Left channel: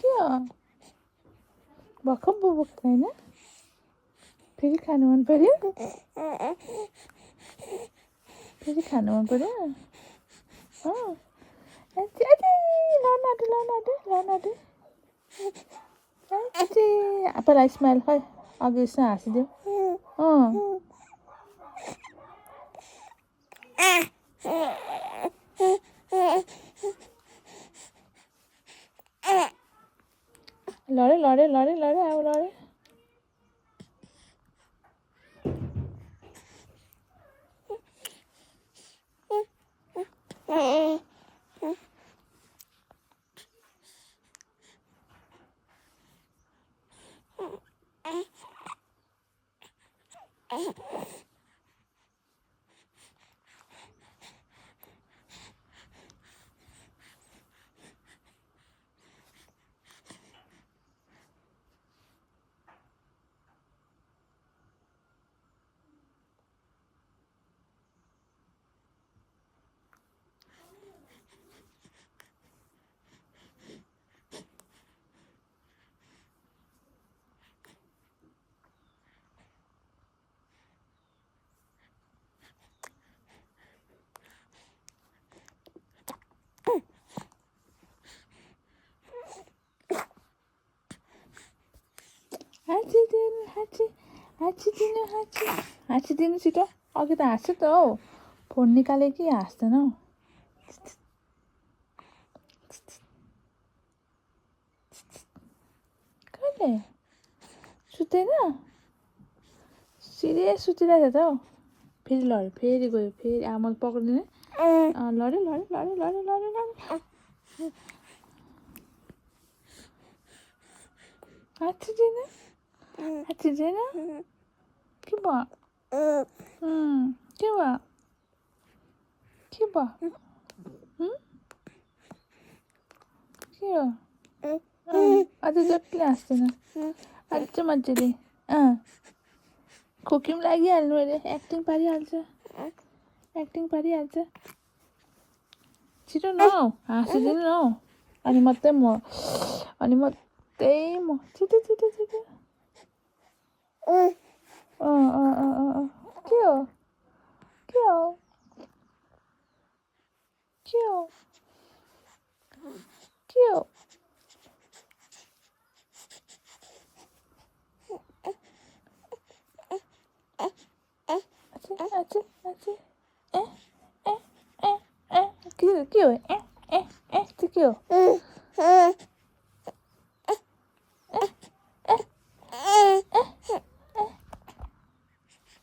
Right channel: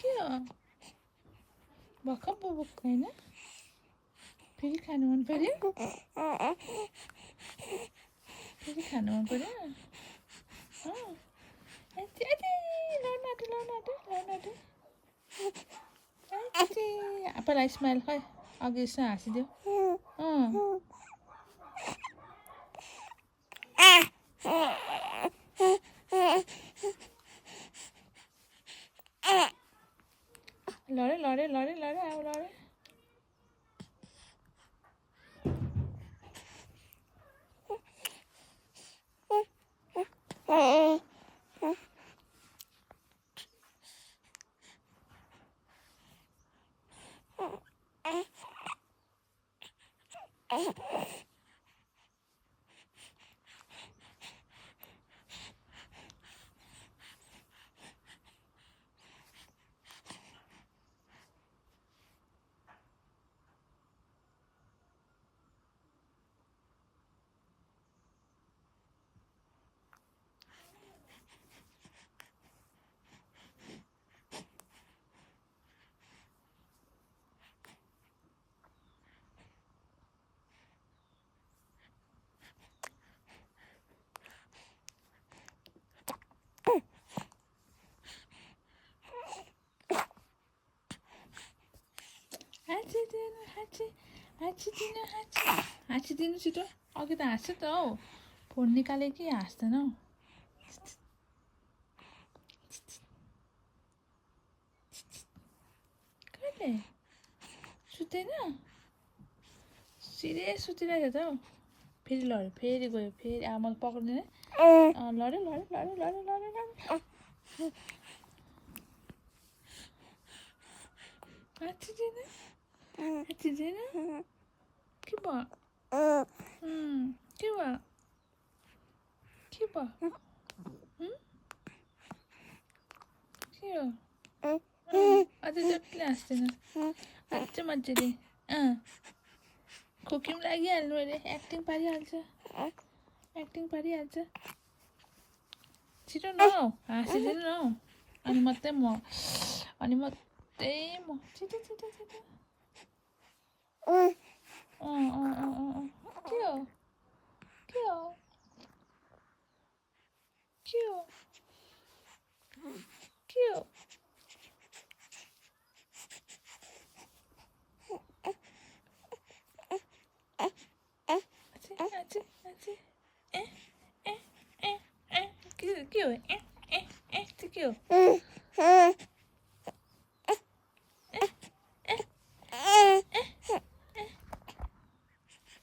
क्या भर्खर बोकेको होइन फेरि खानु मन पर्यो फेरि खानु मन पर्यो आफैलाई स्माइल खै अघि यसो हाँसिदियो लड्यो लड्यो लड्यो लड्यो अब लड्यो हाँसिदिनु छिटो अघि त हाँस्छ त हौ फोन निकाले कि हाँस्दैन हौ कहिले सुत्दैन सिरियस सुतिरहेको त हौ फेरि लड्यो फेरि गयो फेरि आमा पक्रिदिने लड्यो लड्यो लड्यो लड्यो लड्यो लड्यो हाँसिदिनु हाँसिदिनु के भयो के भयो के भयो के हो अझ जतिले हाँस्दैन अझ मजाले खोकी पनि लागिहाल्नु अरे एक्टिङ पारिहाल्छ छिटो न हौ हाँसिदिनु न हौ अनि मात्रै म छिटो छिटो छिटो के हो के हो के हो के हो के हो के हो